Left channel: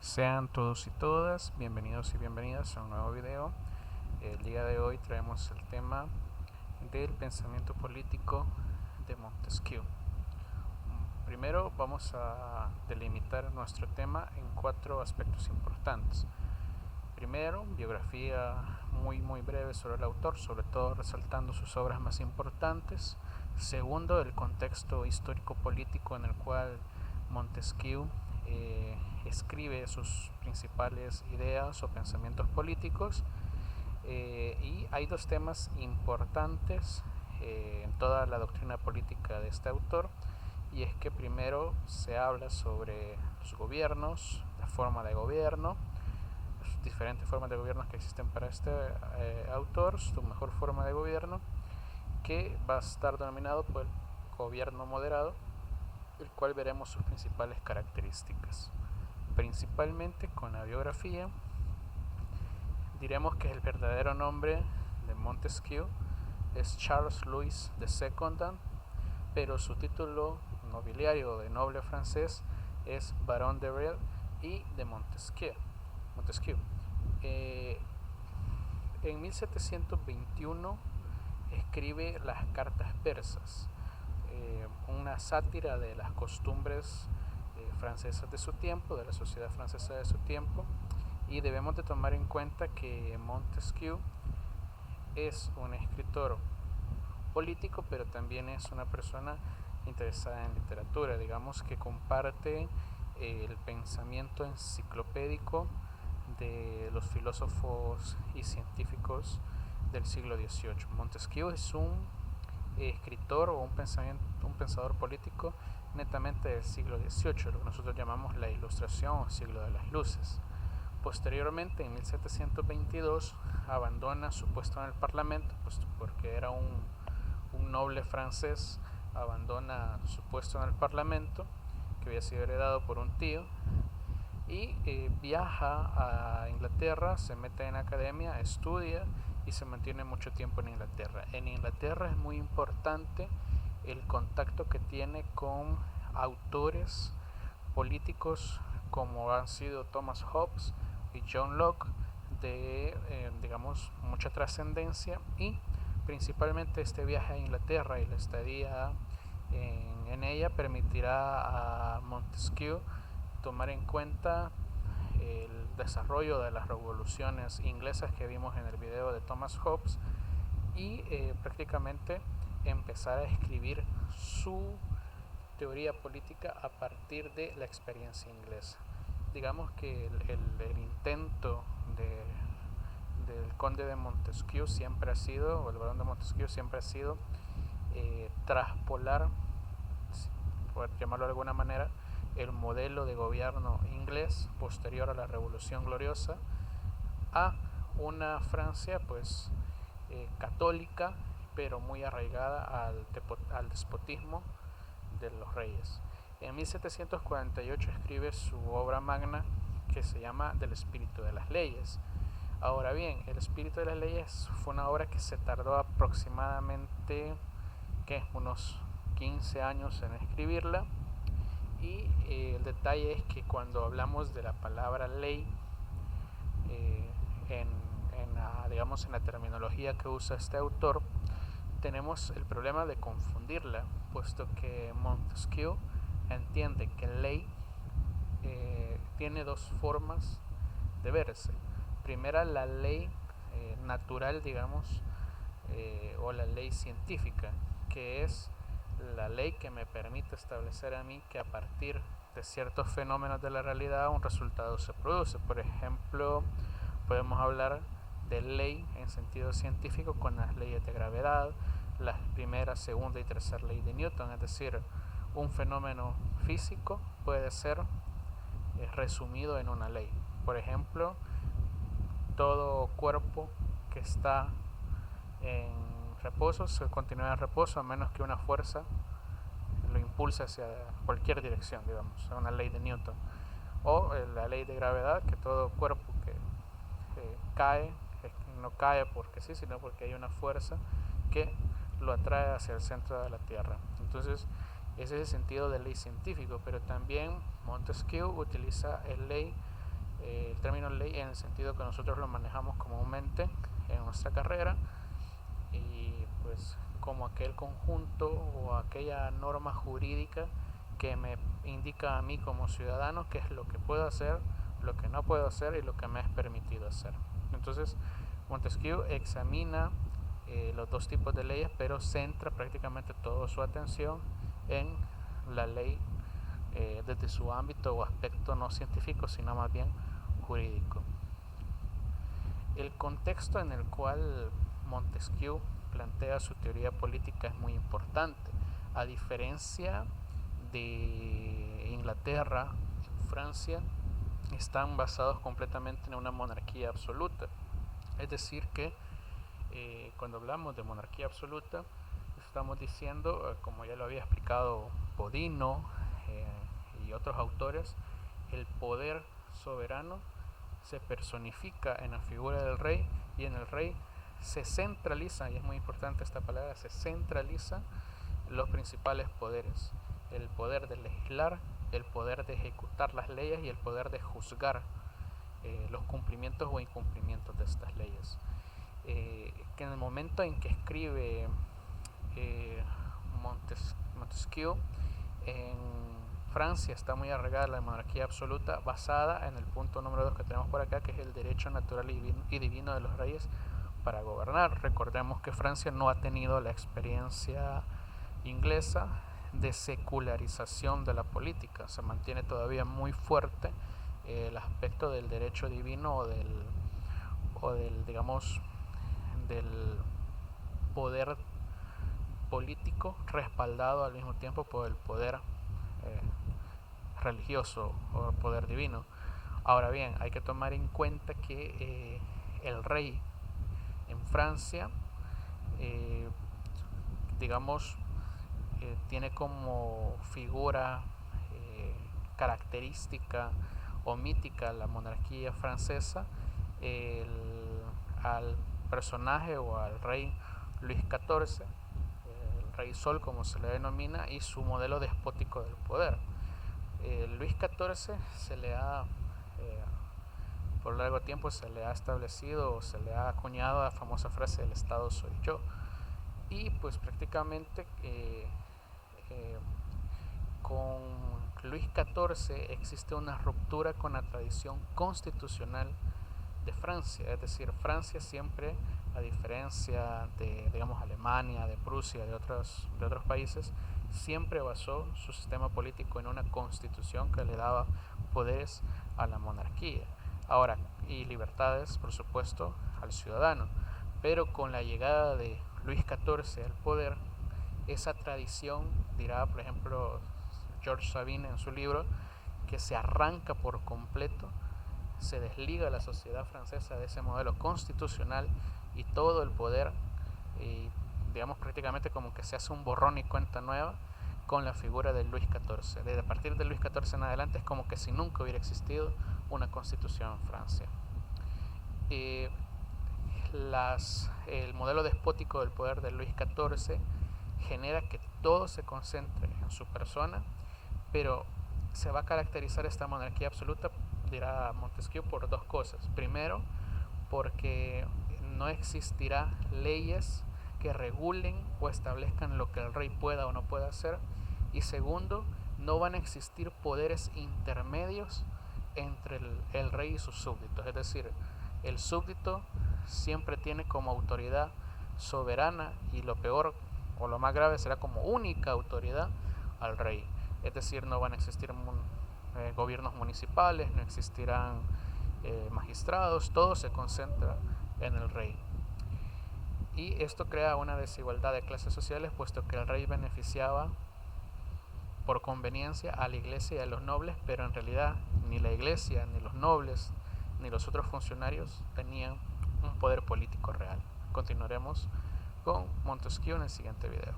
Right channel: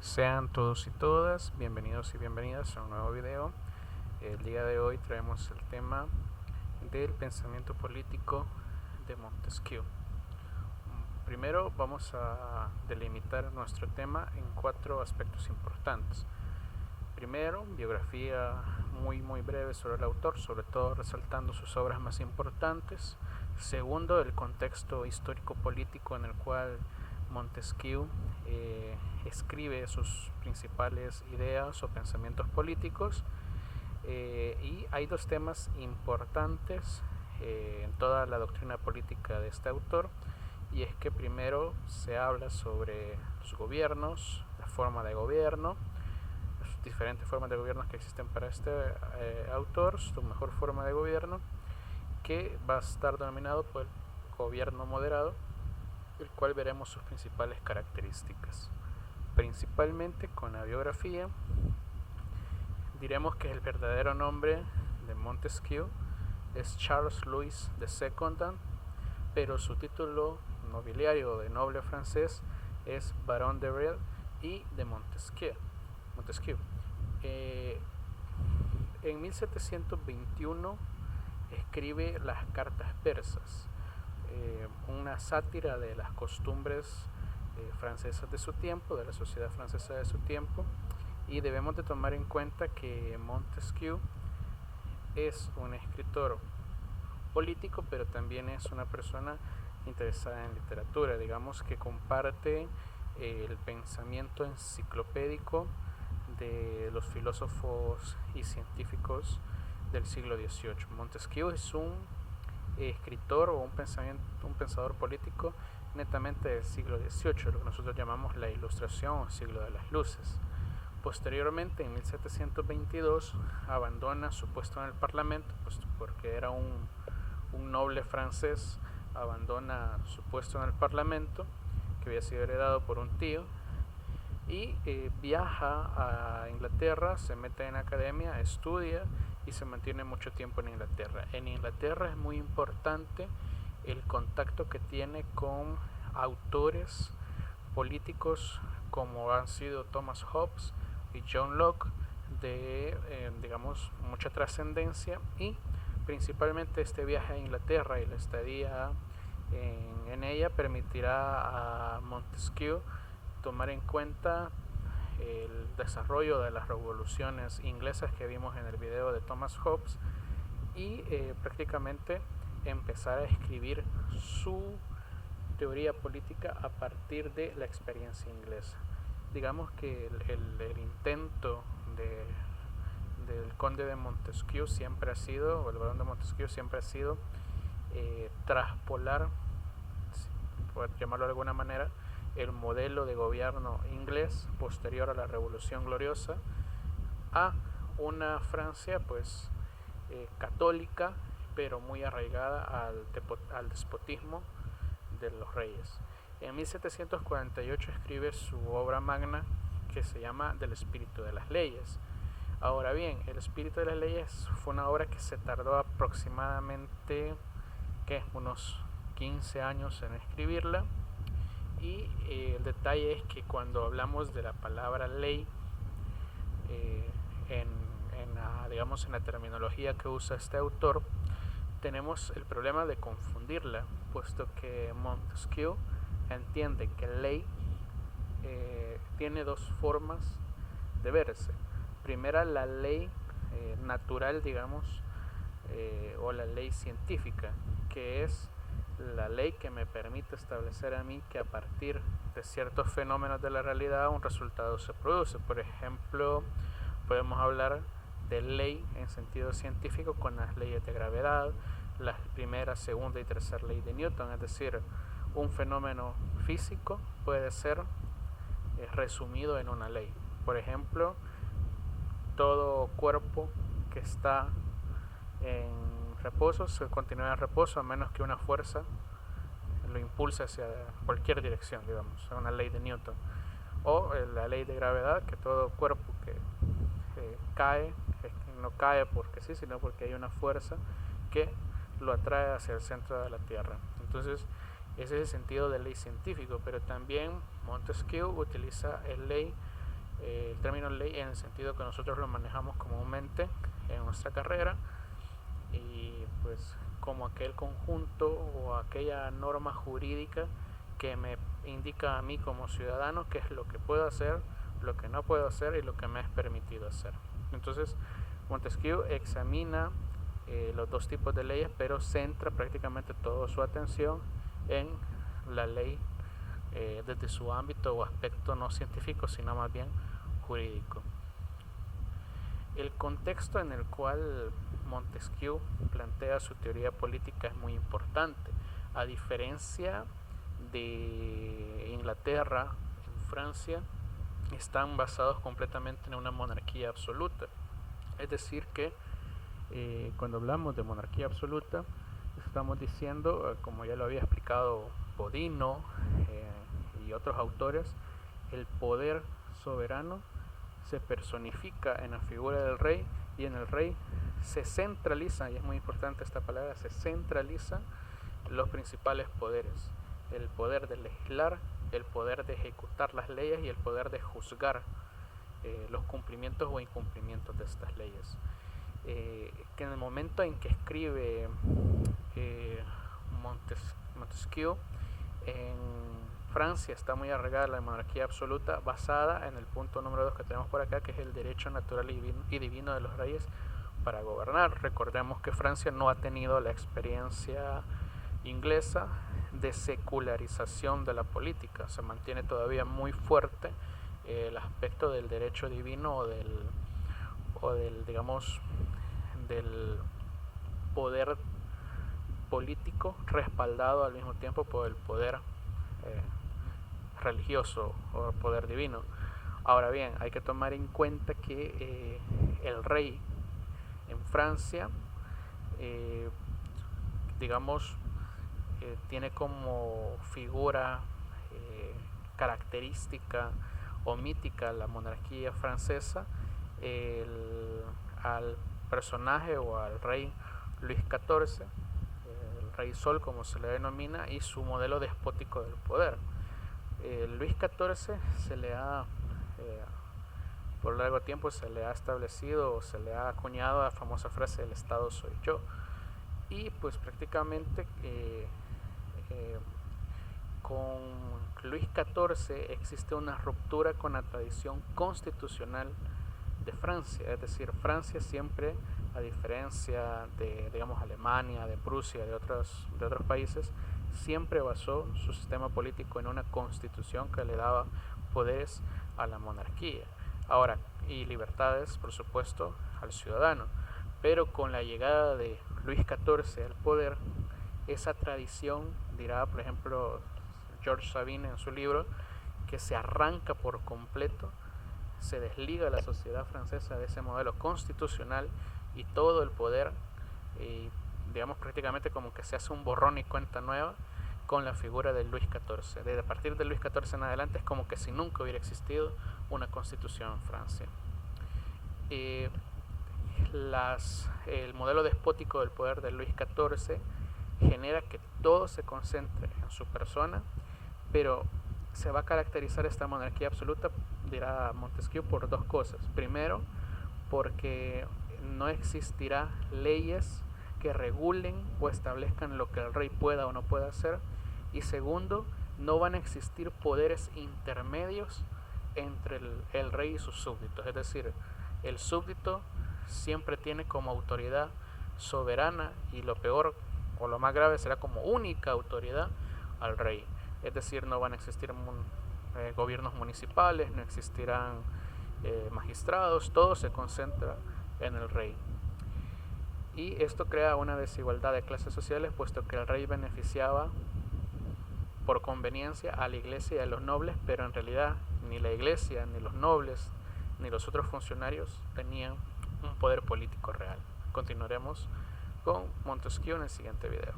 Sean todos y todas bienvenidos y bienvenidas a un nuevo video. El día de hoy traemos el tema del pensamiento político de Montesquieu. Primero vamos a delimitar nuestro tema en 4 aspectos importantes. Primero, biografía muy breve sobre el autor, sobre todo resaltando sus obras más importantes. Segundo, el contexto histórico-político en el cual Montesquieu escribe sus principales ideas o pensamientos políticos. Y hay 2 temas importantes en toda la doctrina política de este autor, y es que primero se habla sobre los gobiernos, la forma de gobierno, las diferentes formas de gobierno que existen para este autor, su mejor forma de gobierno, que va a estar denominado por el gobierno moderado, el cual veremos sus principales características. Principalmente con la biografía, diremos que el verdadero nombre de Montesquieu es Charles Louis II, pero su título nobiliario de noble francés es Barón de Brel y de Montesquieu. En 1721 escribe las cartas persas, una sátira de las costumbres francesas de su tiempo, de la sociedad francesa de su tiempo, y debemos de tomar en cuenta que Montesquieu es un escritor político, pero también es una persona interesada en literatura, digamos que comparte el pensamiento enciclopédico de los filósofos y científicos del siglo XVIII. Montesquieu es un escritor o un pensador político netamente del siglo XVIII, lo que nosotros llamamos la Ilustración o siglo de las luces. Posteriormente, en 1722, abandona su puesto en el Parlamento, pues porque era un noble francés, abandona su puesto en el Parlamento, que había sido heredado por un tío, y viaja a Inglaterra, se mete en academia, estudia y se mantiene mucho tiempo en Inglaterra. En Inglaterra es muy importante el contacto que tiene con autores políticos como han sido Thomas Hobbes y John Locke, de digamos mucha trascendencia, y principalmente este viaje a Inglaterra y la estadía en ella permitirá a Montesquieu tomar en cuenta el desarrollo de las revoluciones inglesas que vimos en el video de Thomas Hobbes y prácticamente empezar a escribir su teoría política a partir de la experiencia inglesa. Digamos que el intento del conde de Montesquieu siempre ha sido, o el barón de Montesquieu siempre ha sido, traspolar, por llamarlo de alguna manera, el modelo de gobierno inglés posterior a la Revolución Gloriosa a una Francia pues católica, pero muy arraigada al despotismo de los reyes. En 1748 escribe su obra magna que se llama Del espíritu de las leyes. Ahora bien, El espíritu de las leyes fue una obra que se tardó aproximadamente unos 15 años en escribirla, y el detalle es que cuando hablamos de la palabra ley digamos en la terminología que usa este autor, tenemos el problema de confundirla, puesto que Montesquieu entiende que ley tiene 2 formas de verse. Primera, la ley natural, digamos, o la ley científica, que es la ley que me permite establecer a mí que a partir de ciertos fenómenos de la realidad un resultado se produce. Por ejemplo, podemos hablar de ley en sentido científico con las leyes de gravedad, la primera, segunda y tercera ley de Newton, es decir, un fenómeno físico puede ser resumido en una ley. Por ejemplo, todo cuerpo que está en reposo se continúa en reposo a menos que una fuerza lo impulse hacia cualquier dirección, digamos, es una ley de Newton. O la ley de gravedad, que todo cuerpo que cae no cae porque sí, sino porque hay una fuerza que lo atrae hacia el centro de la Tierra. Entonces, ese es el sentido de ley científico, pero también Montesquieu utiliza el ley el término ley en el sentido que nosotros lo manejamos comúnmente en nuestra carrera, y pues como aquel conjunto o aquella norma jurídica que me indica a mí como ciudadano qué es lo que puedo hacer, lo que no puedo hacer y lo que me es permitido hacer. Entonces Montesquieu examina los dos tipos de leyes, pero centra prácticamente toda su atención en la ley desde su ámbito o aspecto no científico, sino más bien jurídico. El contexto en el cual Montesquieu plantea su teoría política es muy importante. A diferencia de Inglaterra, en Francia están basados completamente en una monarquía absoluta. Es decir que cuando hablamos de monarquía absoluta, estamos diciendo, como ya lo había explicado Bodino y otros autores, el poder soberano se personifica en la figura del rey, y en el rey se centraliza, y es muy importante esta palabra, se centraliza los principales poderes: el poder de legislar, el poder de ejecutar las leyes y el poder de juzgar los cumplimientos o incumplimientos de estas leyes. Que en el momento en que escribe Montesquieu, en Francia está muy arraigada la monarquía absoluta, basada en el punto número 2 que tenemos por acá, que es el derecho natural y divino de los reyes para gobernar. Recordemos que Francia no ha tenido la experiencia inglesa de secularización de la política. Se mantiene todavía muy fuerte el aspecto del derecho divino o del digamos del poder político respaldado al mismo tiempo por el poder religioso o poder divino. Ahora bien, hay que tomar en cuenta que el rey en Francia digamos tiene como figura característica o mítica la monarquía francesa al personaje o al rey Luis XIV, el rey Sol como se le denomina, y su modelo despótico del poder. Luis XIV se le ha por largo tiempo se le ha establecido o se le ha acuñado la famosa frase: el Estado soy yo. Y pues prácticamente con Luis XIV existe una ruptura con la tradición constitucional de Francia. Es decir, Francia siempre, a diferencia de, digamos, Alemania, de Prusia, de otros países, siempre basó su sistema político en una constitución que le daba poderes a la monarquía. Ahora, y libertades, por supuesto, al ciudadano. Pero con la llegada de Luis XIV al poder, esa tradición, dirá por ejemplo George Sabine en su libro, que se arranca por completo, se desliga la sociedad francesa de ese modelo constitucional y todo el poder, digamos prácticamente como que se hace un borrón y cuenta nueva con la figura de Luis XIV. Desde a partir de Luis XIV en adelante es como que si nunca hubiera existido una constitución en Francia. El modelo despótico del poder de Luis XIV genera que todo se concentre en su persona, pero se va a caracterizar esta monarquía absoluta, dirá Montesquieu, por dos cosas. Primero, porque no existirá leyes que regulen o establezcan lo que el rey pueda o no pueda hacer. Y segundo, no van a existir poderes intermedios entre el rey y sus súbditos. Es decir, el súbdito siempre tiene como autoridad soberana, y lo peor o lo más grave será como única autoridad al rey. Es decir, no van a existir gobiernos municipales, no existirán magistrados, todo se concentra en el rey. Y esto crea una desigualdad de clases sociales, puesto que el rey beneficiaba por conveniencia a la iglesia y a los nobles, pero en realidad ni la iglesia, ni los nobles, ni los otros funcionarios tenían un poder político real. Continuaremos con Montesquieu en el siguiente video.